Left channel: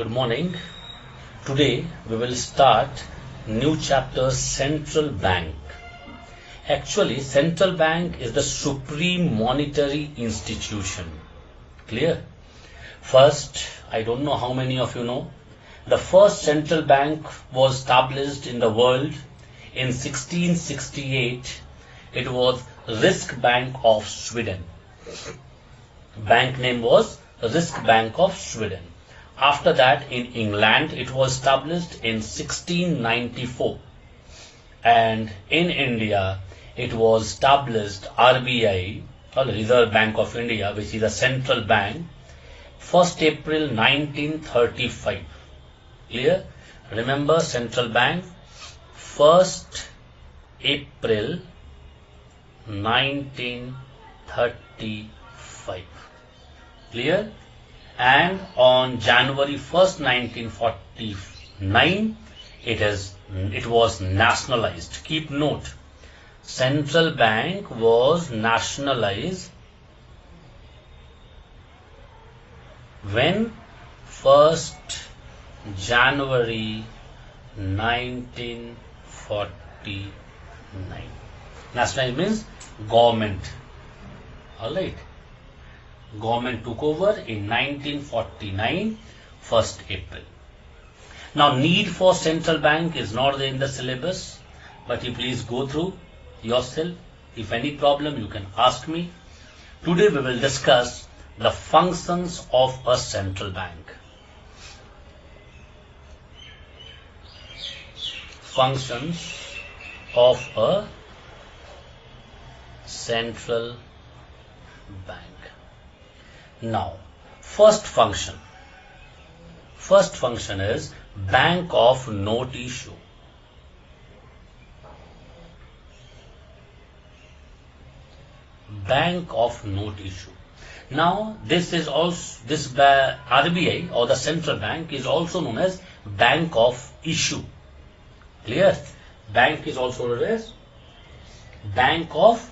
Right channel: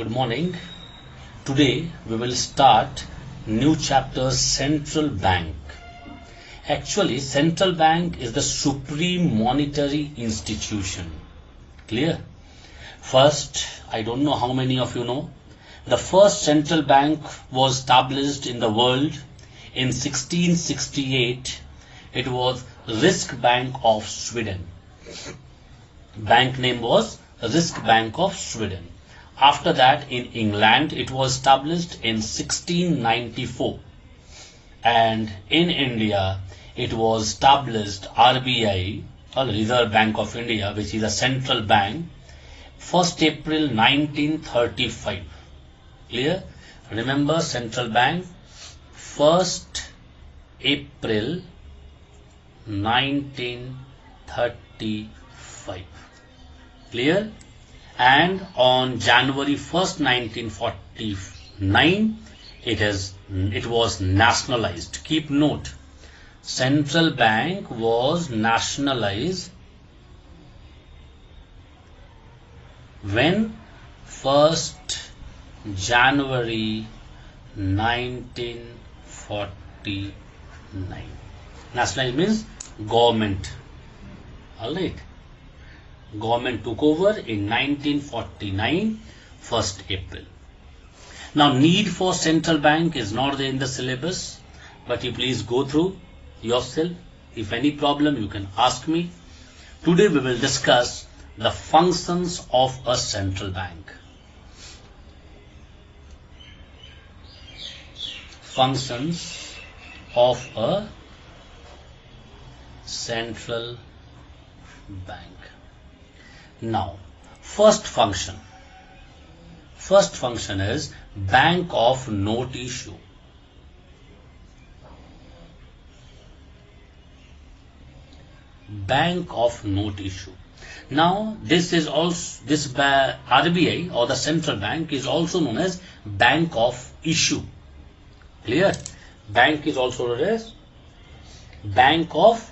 Good morning. Today we will start new chapter Central Bank. Actually, Central Bank is the supreme monetary institution. Clear? First, I don't know how many of you know, the first central bank was established in the world in 1668. It was Riksbank of Sweden. Bank name was Riksbank of Sweden. After that, in England, it was established in 1694. And in India, it was established RBI, or Reserve Bank of India, which is a central bank, 1st April 1935. Clear? Remember central bank, 1st April 1935. Clear? And on January 1st, 1949, it was nationalized. Keep note, central bank was nationalized when 1st January 1949. Nationalized means government. Alright. Government took over in 1949, 1st April. Now, need for central bank is not there in the syllabus, but you please go through yourself. If any problem, you can ask me. Today we will discuss the functions of a central bank. Functions of a central bank. Now, first function is bank of note issue. Bank of note issue. Now, this RBI or the central bank is also known as bank of issue. Clear? Bank is also known as bank of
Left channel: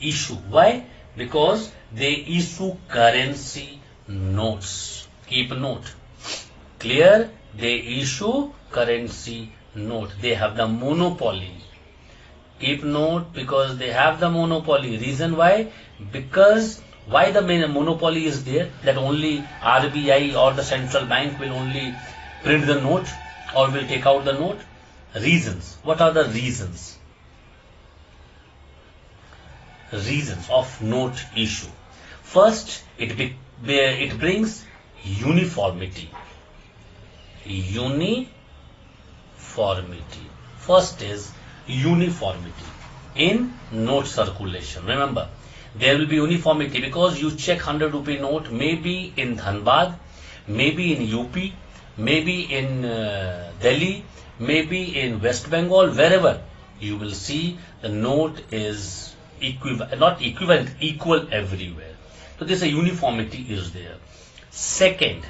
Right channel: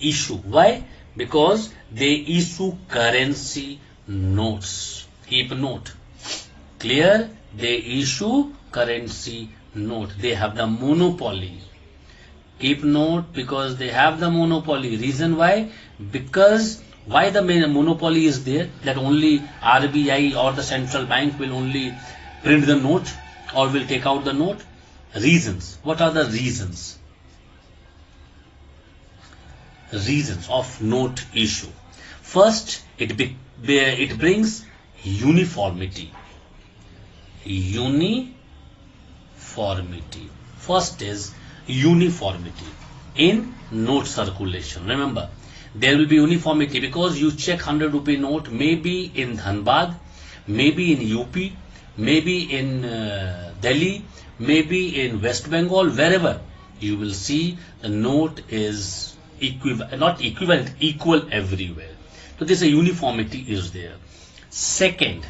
issue. Why? Because they issue currency notes. Keep note. Clear? They issue currency note. They have the monopoly. Keep note, because they have the monopoly. Reason why? Because why the monopoly is there? That only RBI or the central bank will only print the note or will take out the note. Reasons. What are the reasons? Reasons of note issue. First, it brings uniformity. Uniformity. First is uniformity in note circulation. Remember, there will be uniformity because you check 100 rupee note, maybe in Dhanbad, maybe in UP, maybe in Delhi, maybe in West Bengal, wherever you will see the note is equal everywhere. So this uniformity is there. Second,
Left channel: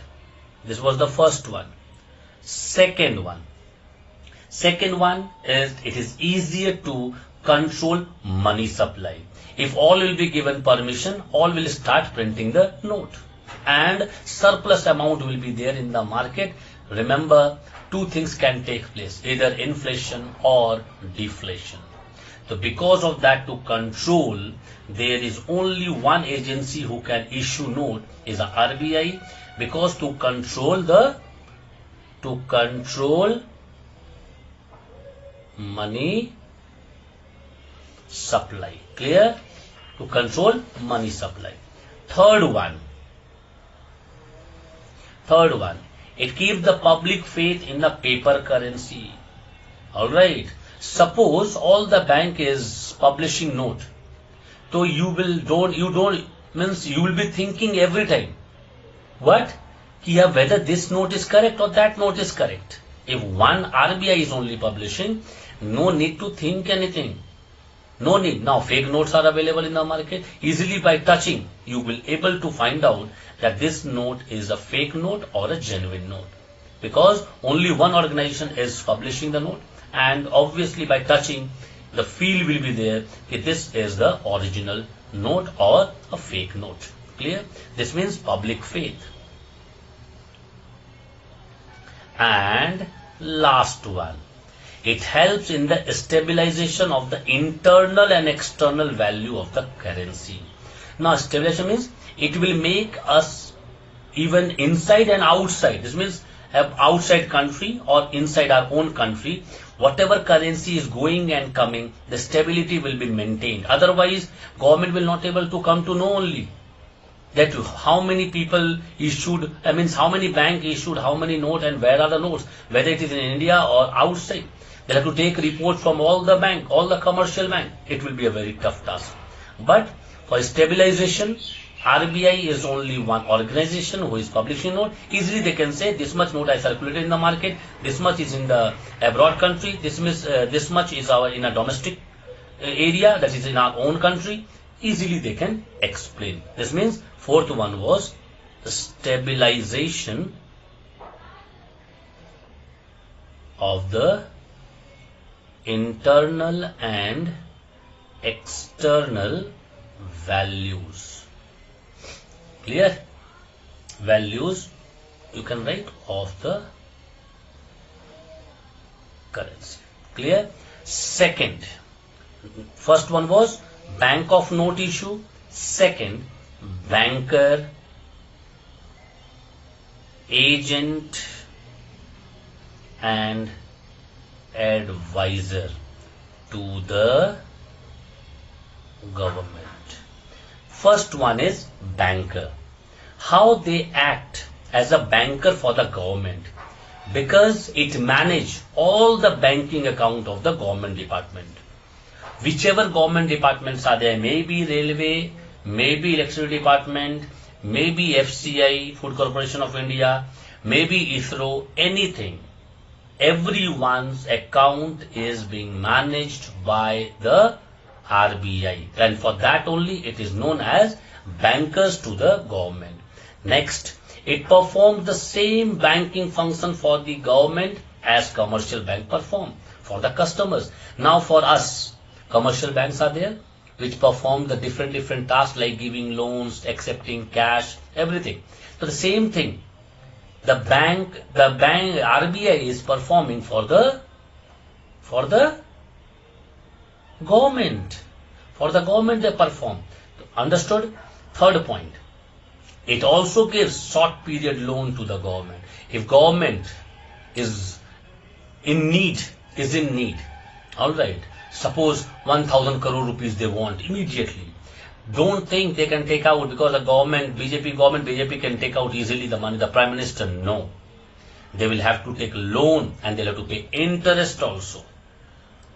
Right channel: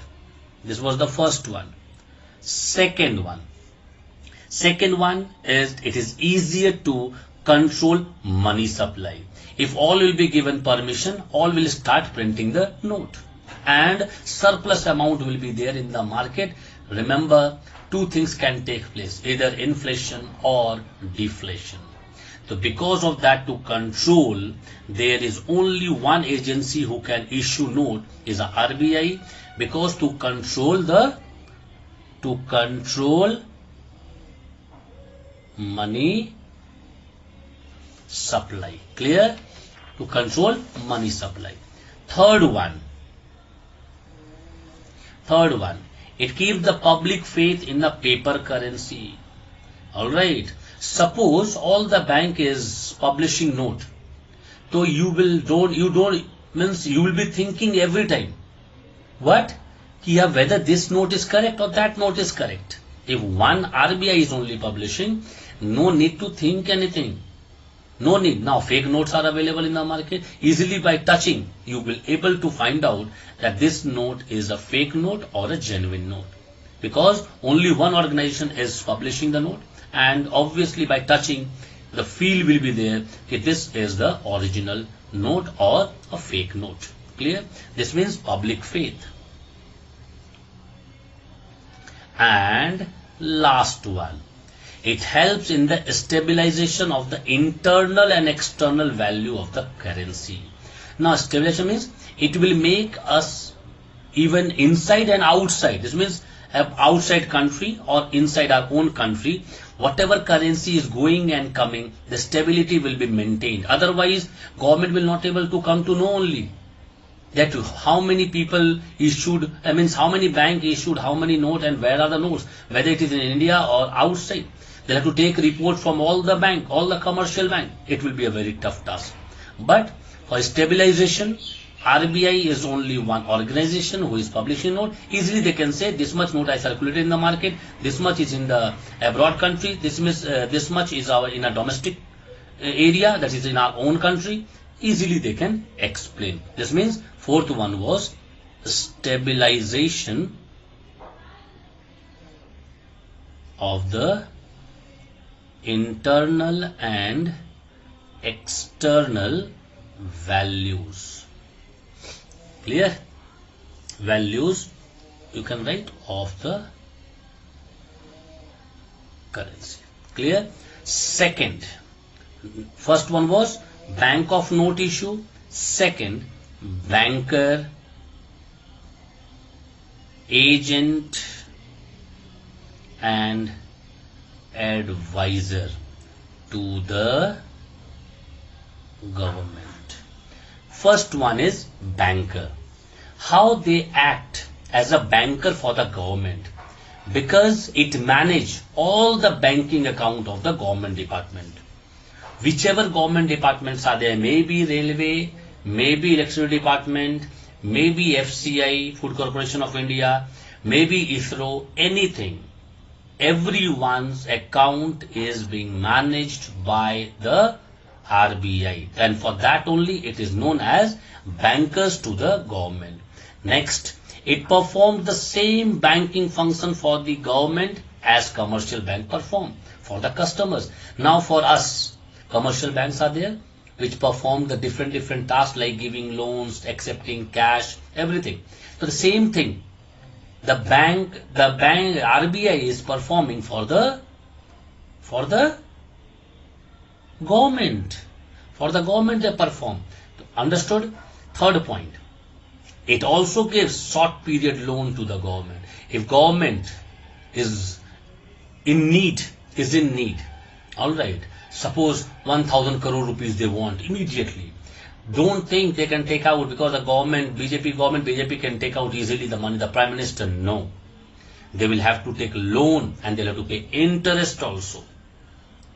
this was the first one. Second one is it is easier to control money supply. If all will be given permission, all will start printing the note and surplus amount will be there in the market. Remember, two things can take place, either inflation or deflation. So because of that, to control, there is only one agency who can issue note is the RBI, because to control money supply. Clear? To control money supply. Third one, it keeps the public faith in the paper currency. Alright. Suppose all the bank is publishing note, so you will be thinking every time, what? Whether this note is correct or that note is correct. If one RBI is only publishing, no need to think anything. No need. Now fake notes are available in the market. Easily by touching, you will able to find out that this note is a fake note or a genuine note, because only one organization is publishing the note. And obviously by touching, the feel will be there that this is the original note or a fake note. Clear? This means public faith. And last one, it helps in the stabilization of the internal and external value of the currency. Now, stabilization means it will make us even inside and outside. This means outside country or inside our own country, whatever currency is going and coming, the stability will be maintained. Otherwise, government will not able to come to know only that how many people issued, how many bank issued, how many note and where are the notes, whether it is in India or outside. They have to take report from all the bank, all the commercial bank. It will be a very tough task. But for stabilization, RBI is only one organization who is publishing note. Easily they can say this much note I circulated in the market, this much is in the abroad country, this much is in a domestic area, that is in our own country. Easily they can explain. This means fourth one was stabilization of the internal and external values. Clear? Values you can write of the currency. Clear? Second, first one was bank of note issue. Second, banker, agent and advisor to the government. First one is banker. How they act as a banker for the government, because it manage all the banking account of the government department. Whichever government departments are there, maybe railway, maybe electricity department, maybe FCI, Food Corporation of India, maybe ISRO, anything. Everyone's account is being managed by the RBI, and for that only it is known as bankers to the government. Next, it performs the same banking function for the government as commercial bank perform for the customers. Now for us, commercial banks are there which perform the different tasks like giving loans, accepting cash, everything. So the same thing, the bank RBI is performing for the government. For the government they perform. Understood? Third point, it also gives short period loan to the government. If government is in need, all right, suppose 1,000 crore rupees they want immediately, don't think they can take out because the government, BJP can take out easily the money, the Prime Minister, no. They will have to take loan and they'll have to pay interest also.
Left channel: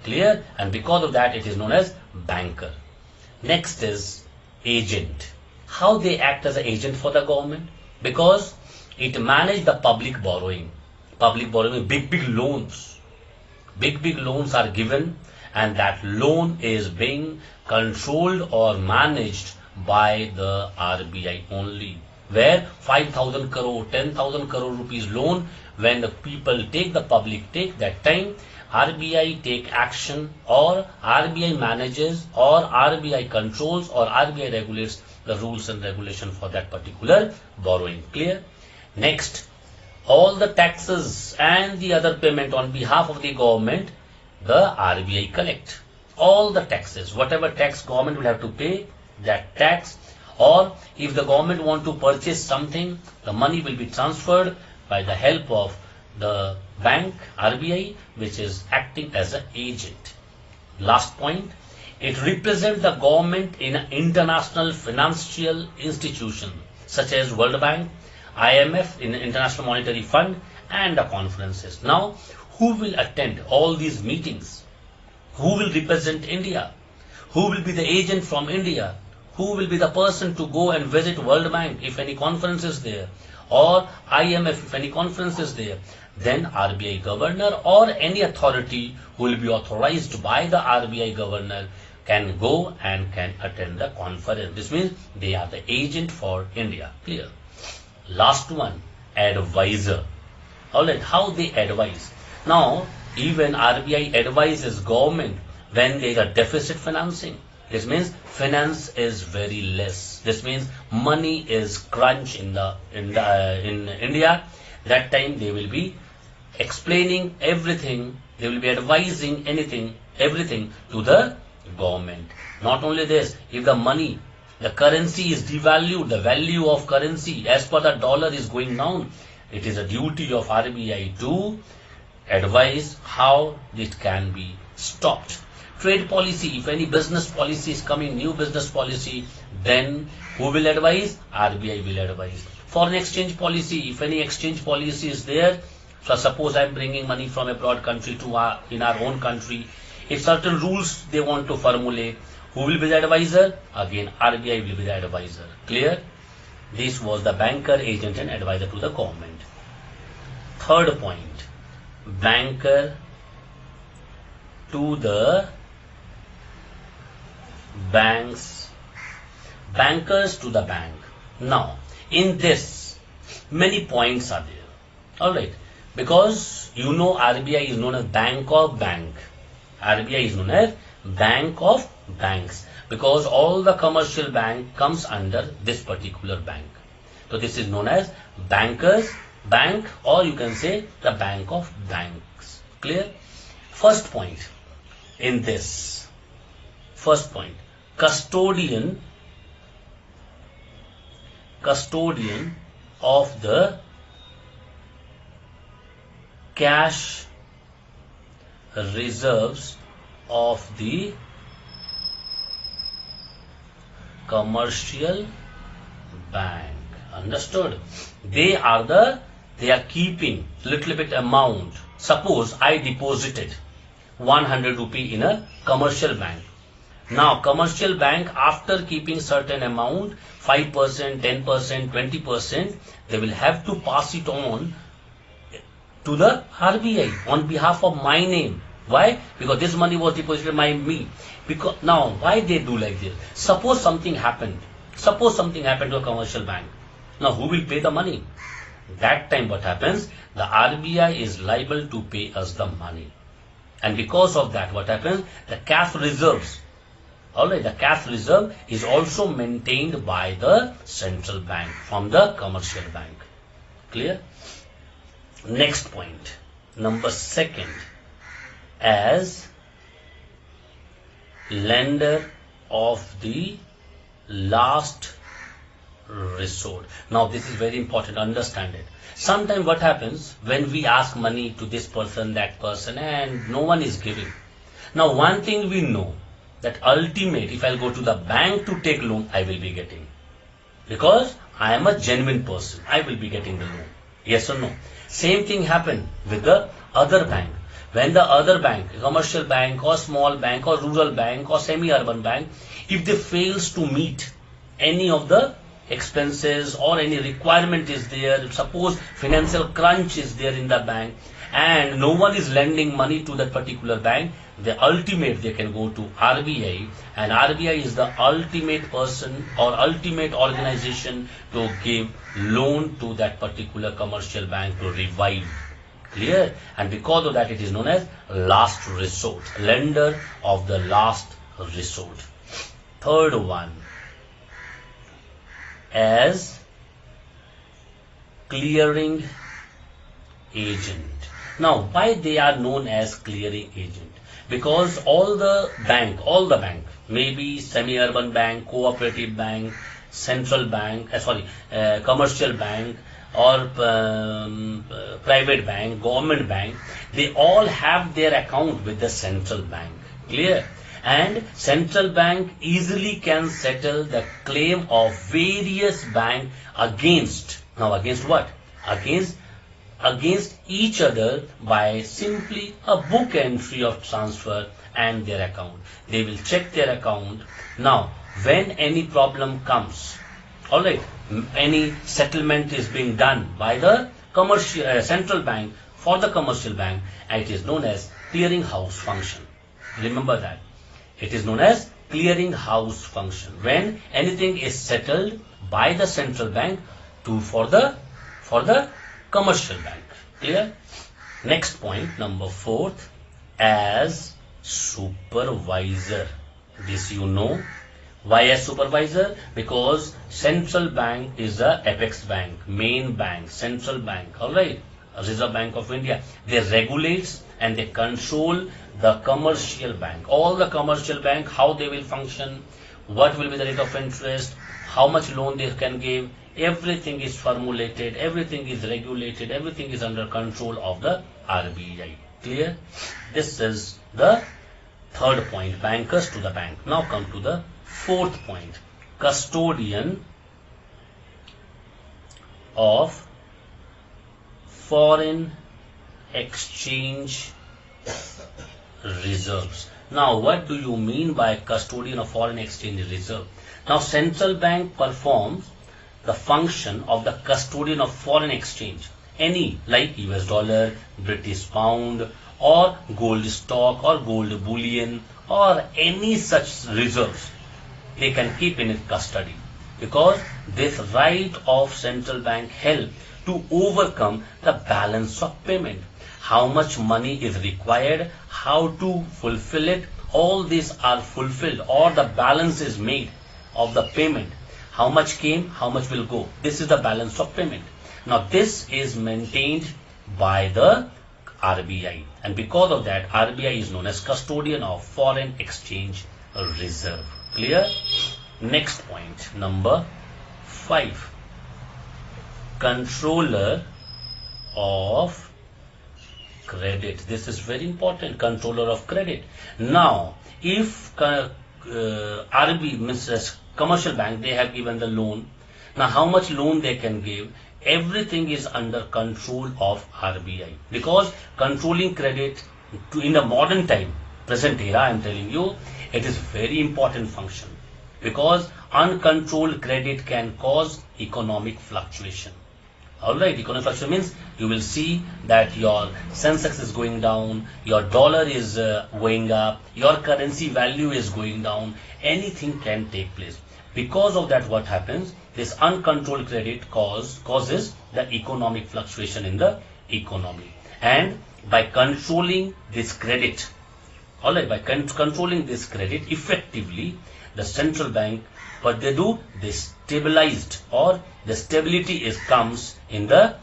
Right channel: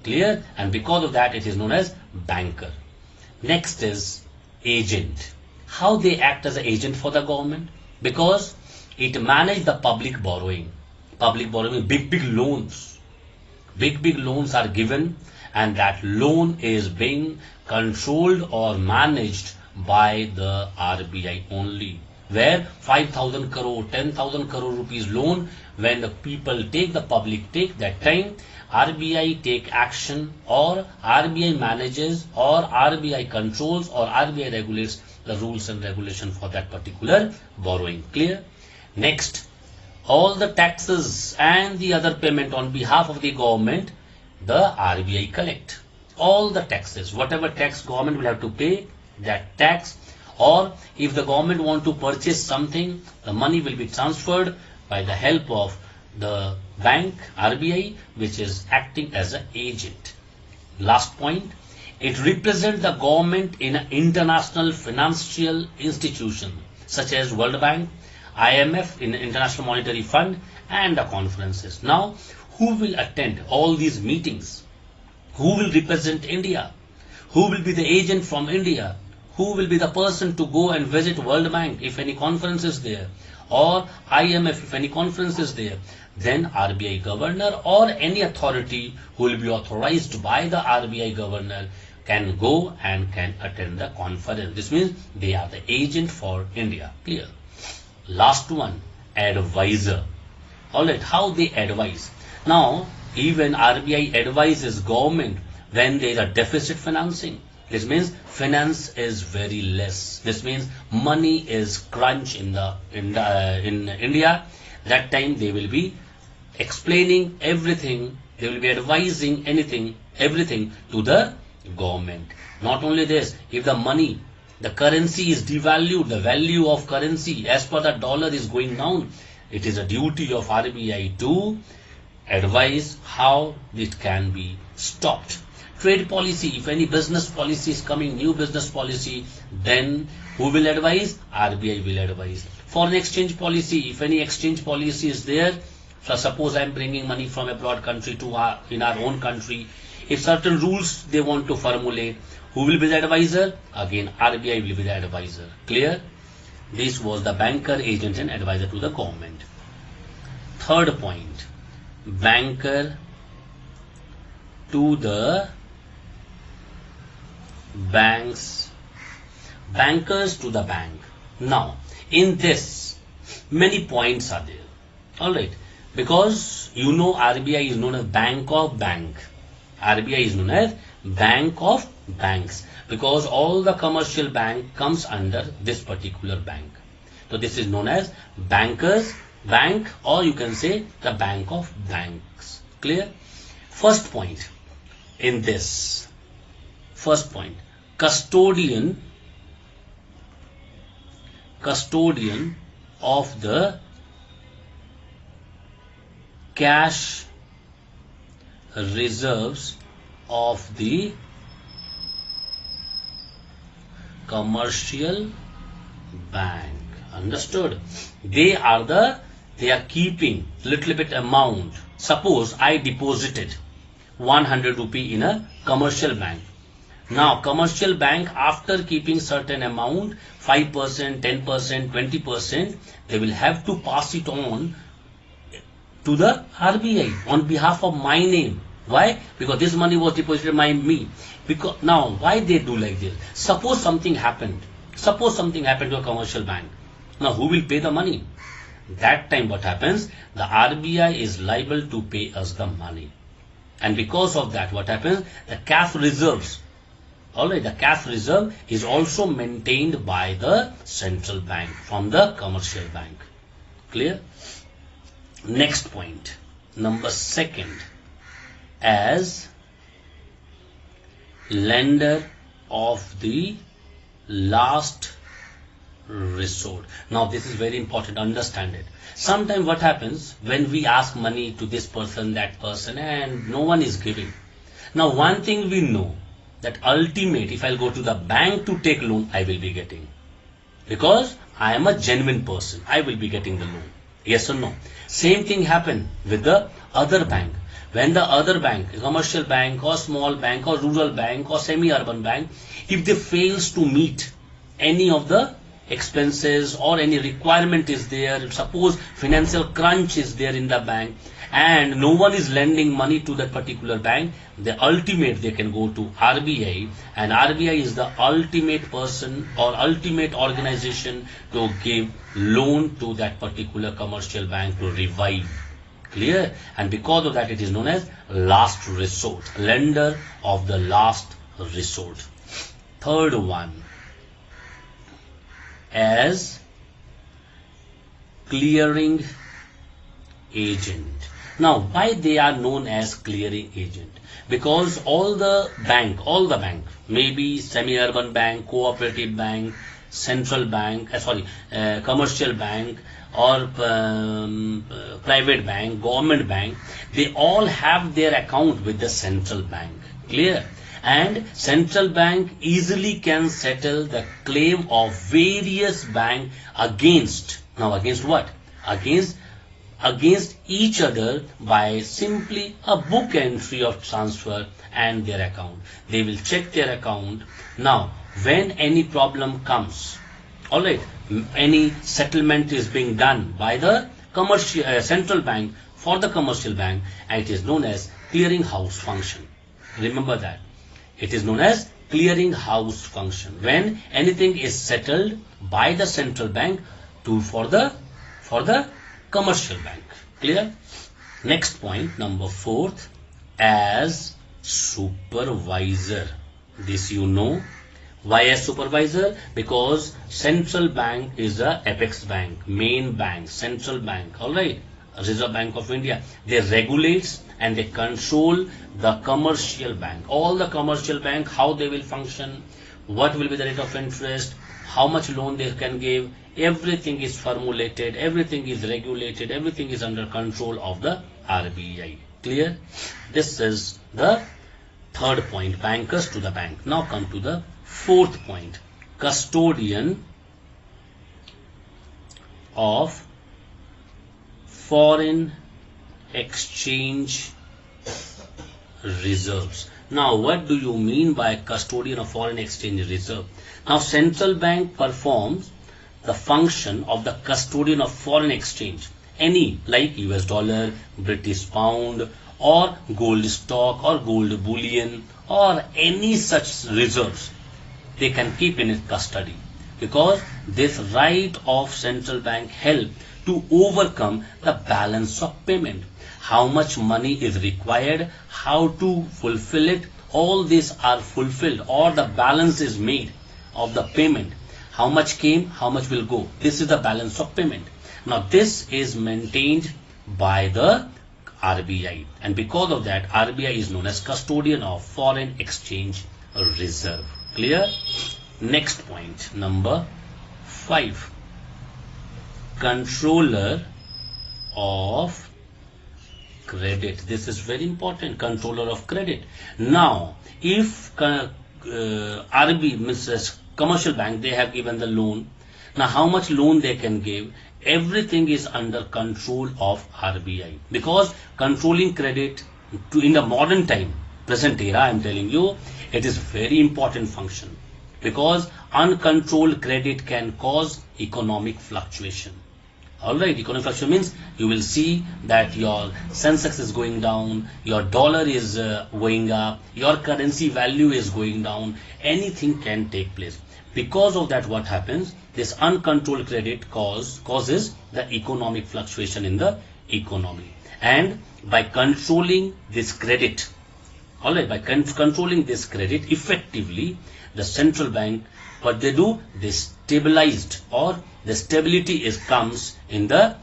Clear? And because of that it is known as banker. Next is agent. How they act as an agent for the government? Because it manages the public borrowing. Public borrowing, big loans. Big loans are given, and that loan is being controlled or managed by the RBI only. Where 5,000 crore, 10,000 crore rupees loan, when the people take, the public take, that time RBI take action, or RBI manages, or RBI controls, or RBI regulates the rules and regulation for that particular borrowing. Clear? Next, all the taxes and the other payment on behalf of the government, the RBI collect. All the taxes, whatever tax government will have to pay, that tax, or if the government want to purchase something, the money will be transferred by the help of the bank, RBI, which is acting as an agent. Last point, it represents the government in an international financial institution such as World Bank, IMF, in the International Monetary Fund, and the conferences. Now, who will attend all these meetings? Who will represent India? Who will be the agent from India? Who will be the person to go and visit World Bank if any conference is there? Or IMF if any conference is there? Then RBI governor or any authority who will be authorized by the RBI governor can go and can attend the conference. This means they are the agent for India. Clear? Last one, advisor. Alright, how they advise. Now, even RBI advises government when there is a deficit financing. This means finance is very less. This means money is crunch in India. That time they will be explaining everything, they will be advising everything to the government. Not only this, if the money, the currency is devalued, the value of currency as per the dollar is going down, it is a duty of RBI to advise how it can be stopped. Trade policy, if any business policy is coming, new business policy, then who will advise? RBI will advise. Foreign exchange policy, if any exchange policy is there, so suppose I am bringing money from abroad country to in our own country, if certain rules they want to formulate, who will be the advisor? Again, RBI will be the advisor. Clear? This was the banker, agent and advisor to the government. Third point, banker to the banks, bankers to the bank. Now, in this, many points are there. Alright, because you know RBI is known as Bank of Bank. RBI is known as Bank of Banks because all the commercial bank comes under this particular bank. So this is known as Bankers Bank, or you can say the Bank of Banks. Clear? First point in this. First point, custodian of the cash reserves of the commercial bank. Understood? They are keeping little bit amount. Suppose I deposited 100 rupee in a commercial bank. Now commercial bank, after keeping certain amount, 5%, 10%, 20%, they will have to pass it on to the RBI on behalf of my name. Why? Because this money was deposited by me. Because now, why they do like this? Suppose something happened to a commercial bank. Now, who will pay the money? That time what happens? The RBI is liable to pay us the money. And because of that, what happens? The cash reserves. Alright, the cash reserve is also maintained by the central bank from the commercial bank. Clear? Next point, number second, as lender of the last resort. Now this is very important, understand it. Sometimes what happens when we ask money to this person, that person, and no one is giving. Now one thing we know, that ultimate, if I go to the bank to take loan, I will be getting. Because I am a genuine person, I will be getting the loan. Yes or no? Same thing happened with the other bank. When the other bank, commercial bank or small bank or rural bank or semi-urban bank, if they fails to meet any of the expenses or any requirement is there, suppose financial crunch is there in the bank and no one is lending money to that particular bank, the ultimate they can go to RBI, and RBI is the ultimate person or ultimate organization to give loan to that particular commercial bank to revive. Clear? And because of that, it is known as last resort, lender of the last resort. Third one, as clearing agent. Now, why they are known as clearing agent? Because all the bank, maybe semi-urban bank, cooperative bank, central bank, commercial bank, or private bank, government bank, they all have their account with the central bank. Clear? And central bank easily can settle the claim of various bank against, now against what? Against each other by simply a book entry of transfer and their account. They will check their account. Now, when any problem comes, alright, any settlement is being done by the commercial central bank for the commercial bank, and it is known as clearing house function. Remember that. It is known as clearing house function. When anything is settled by the central bank for the commercial bank. Clear? Next point, number fourth, as supervisor. This you know. Why as supervisor? Because central bank is a apex bank, main bank, central bank. Alright. Reserve Bank of India, they regulates and they control the commercial bank. All the commercial bank, how they will function, what will be the rate of interest, how much loan they can give, everything is formulated, everything is regulated, everything is under control of the RBI. Clear? This is the third point, bankers to the bank. Now come to the fourth point, custodian of foreign exchange reserves. Now, what do you mean by custodian of foreign exchange reserve? Now, central bank performs the function of the custodian of foreign exchange, any like US dollar, British pound, or gold stock, or gold bullion, or any such reserves they can keep in its custody, because this right of central bank help to overcome the balance of payment. How much money is required, how to fulfill it, all these are fulfilled, or the balance is made of the payment. How much came, how much will go. This is the balance of payment. Now this is maintained by the RBI, and because of that RBI is known as custodian of foreign exchange reserve. Clear? Next point, number 5, controller of credit. This is very important, controller of credit. Now, if RB means commercial bank, they have given the loan. Now, how much loan they can give? Everything is under control of RBI, because controlling credit in the modern time, present era, I am telling you, it is very important function, because uncontrolled credit can cause economic fluctuation. Alright, economic fluctuation means you will see that your Sensex is going down, your dollar is going up, your currency value is going down, anything can take place. Because of that, what happens? This uncontrolled credit causes the economic fluctuation in the economy. And by controlling this credit, alright, by controlling this credit effectively, the central bank, what they do, they stabilized, or the stability comes in the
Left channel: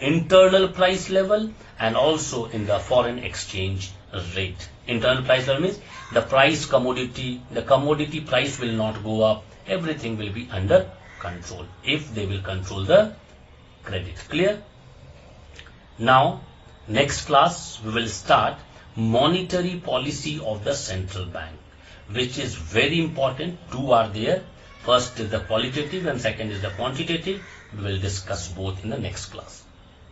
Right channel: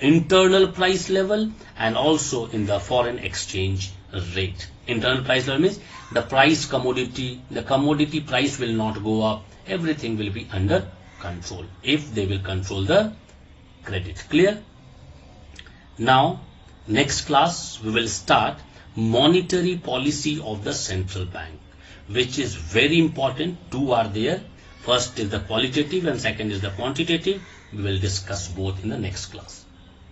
internal price level and also in the foreign exchange rate. Internal price level means the commodity price will not go up, everything will be under control if they will control the credit. Clear? Now, next class we will start monetary policy of the central bank, which is very important. Two are there. First is the qualitative and second is the quantitative. We will discuss both in the next class.